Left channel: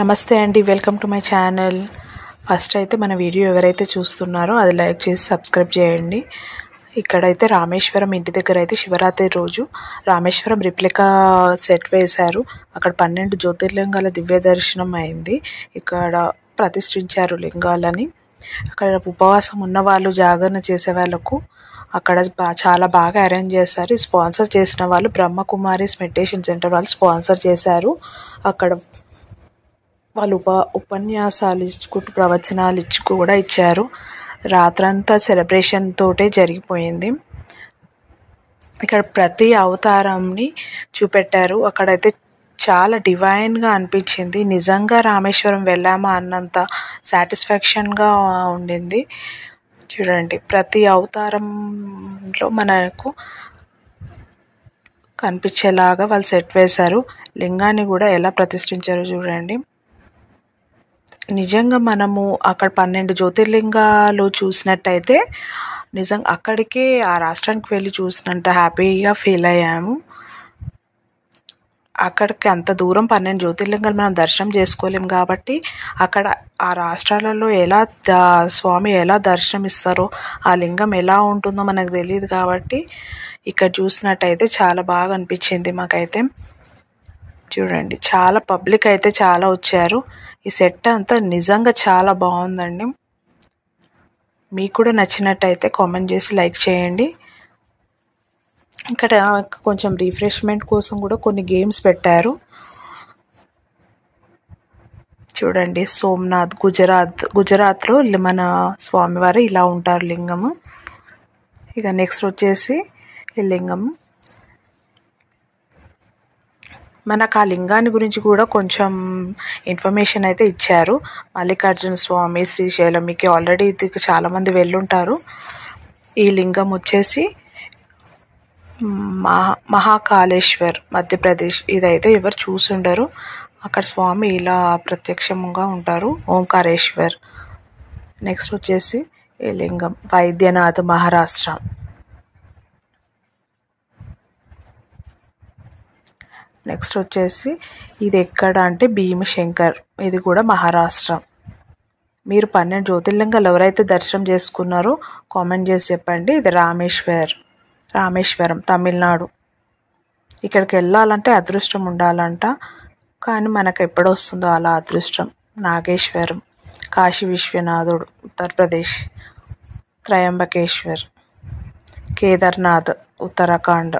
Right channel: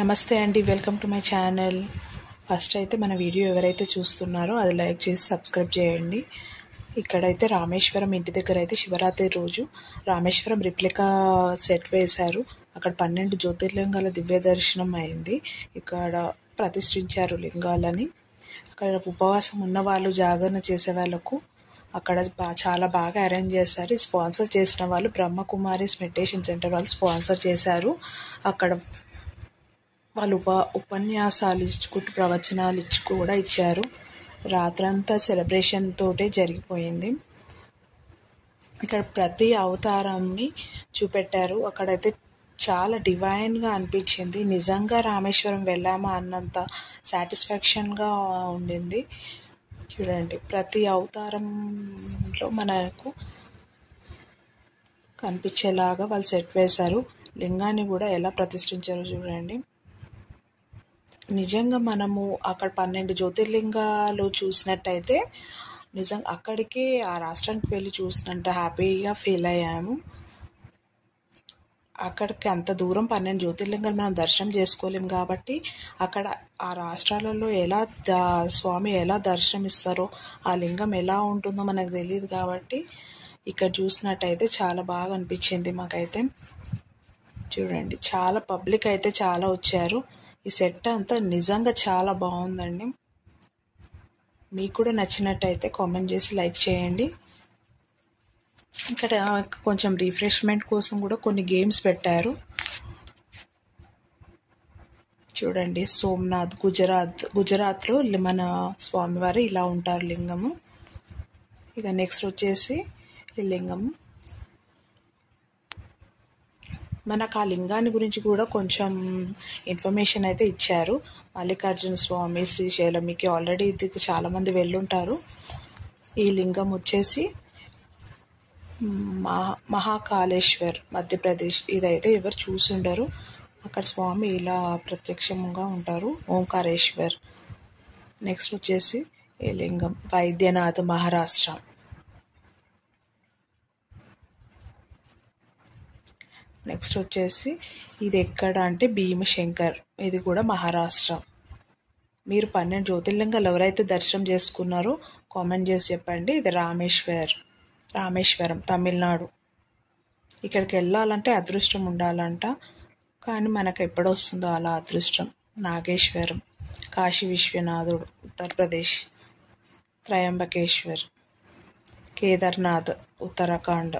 నమస్తే అండి, welcome to my channel. First అయితే మన వీడియో ఎవరైతే చూస్తున్నారో అది లైక్ చేసి సబ్స్క్రైబ్ చేయండి. ఇక్కడైతే రామేశ్వరం ఇంటి దగ్గర అయితే శివరాత్రి రోజు రామేశ్వరం రిప్లికా సెట్ వేశారు. అక్కడ 12 జ్యోతిర్లింగాల దివ్య దర్శనం అయింది. ఇక్కడ ప్రతిష్ఠించారు లింగాలని. అక్కడ ఉపవాసం ఉన్న వాళ్ళు, జాగరణ చేసే వాళ్ళకు అక్కడ చాలా బాగా అరేంజ్ చేశారు. స్పాన్సర్ చేసిన వాళ్ళు బ్రహ్మకుమారిస్ మెడిటేషన్ సెంటర్ వాళ్ళు స్పాన్సర్ చేశారు. అక్కడ వాళ్ళు ఉపన్యాసాలు ఇచ్చుకుంటూ ప్రవచనాలు కూడా ఇచ్చారు. రాత్రంతా సెలబ్రేషన్ తోటే జరిగిపోయింది. ఇక్కడ ప్రతి అవతారంని చూపెట్టారు. అక్కడైతే చాలా డివైన్గా అనిపించింది. నిజంగా రామేశ్వరం వెళ్ళామా అన్నంత సాటిస్ఫాక్షన్గా ఉండింది. చూడండి, ప్రతి అవతారంలో మనకు కనిపించేలాగా వాళ్ళు సెట్ వేశారు. లింగాన్ని కూడా ఎలా ప్రతిష్ఠించారో చూడండి. నిజంగా మనము అక్కడ 12 జ్యోతిర్లింగాలు చూసినట్టయితే నిజంగా అక్కడికే ఆ రాష్ట్రానికి వెళ్ళి చూసినంత హ్యాపీగా ఫీల్ అయ్యాము. అక్కడికి అంత దూరం 12 జ్యోతిర్లింగాలు మనం దర్శనం చేసుకోలేము కాబట్టి అక్కడ ఆ రాష్ట్రాలలో స్వామి ఎలా దర్శనమిస్తారో, ఆ లింగం ఎలా ఉంటుందో మనకు తెలియదు కాబట్టి ఇక్కడ చూసినట్టయితే చాలా బాగా అనిపించింది మాకైతే. చూడండి, చాలా పబ్లిక్ అయితే చాలా వచ్చారు. ఈ సెట్ అంతా నిజంగా చాలా బాగుందండి. మీకు కూడా నచ్చినట్టయితే కామెంట్ చేసి లైక్ చేయండి. ఇక్కడ కొంచెం రిఫ్రెష్మెంట్ కోసం కూడా కొన్ని గేమ్స్ పెట్టారు. చూడండి, సోమనాథ్ గుజరాత్లో మన స్వామివారు ఇలా ఉంటారు లింగము. ఇక నెక్స్ట్ వచ్చేసి ఈ లింగము. మనకు ఆ లింగాన్ని గురించి కూడా కొంచెం ఇన్ఫర్మేషన్ అయితే ఇచ్చారు. మల్లికార్జున స్వామి శ్రీశైలం, మీకు ఆల్రెడీ ఇది చాలామంది వెళ్ళుంటారు. ఈ లింగం వచ్చేసి మహాకాళేశ్వర్, మధ్యప్రదేశ్. ఇదైతే ఎవరు చూసుండరు. అక్కడ స్వామి ఇలా ప్రత్యక్షంగా ఉంటారు, ఓంకారేశ్వర్. నెక్స్ట్ వచ్చేసి ఈ లింగం వైద్యనాథ్, మహారాష్ట్ర. నెక్స్ట్ వచ్చేసి ఇది ఎక్కడ అంటే భీమశంకర్, ఇది కూడా మహారాష్ట్ర. మీరు 12 జ్యోతిర్లింగాలు ఎవరైతే దర్శనం చేసుకున్నారో కామెంట్ చేసి చెప్పండి. ఇది రామేశ్వరం, తమిళనాడు. ఇక్కడికి వెళ్ళాలంటే అదృష్టం ఉండాలంట, కానీ మనకు ఎప్పుడు వస్తుందో అలా అదృష్టం. నాగేశ్వరం, కాశీ విశ్వనాథుడు, ఉత్తరప్రదేశ్. త్రయంబకేశ్వర్, కేదార్నాథ్, ఉత్తరాఖండ్.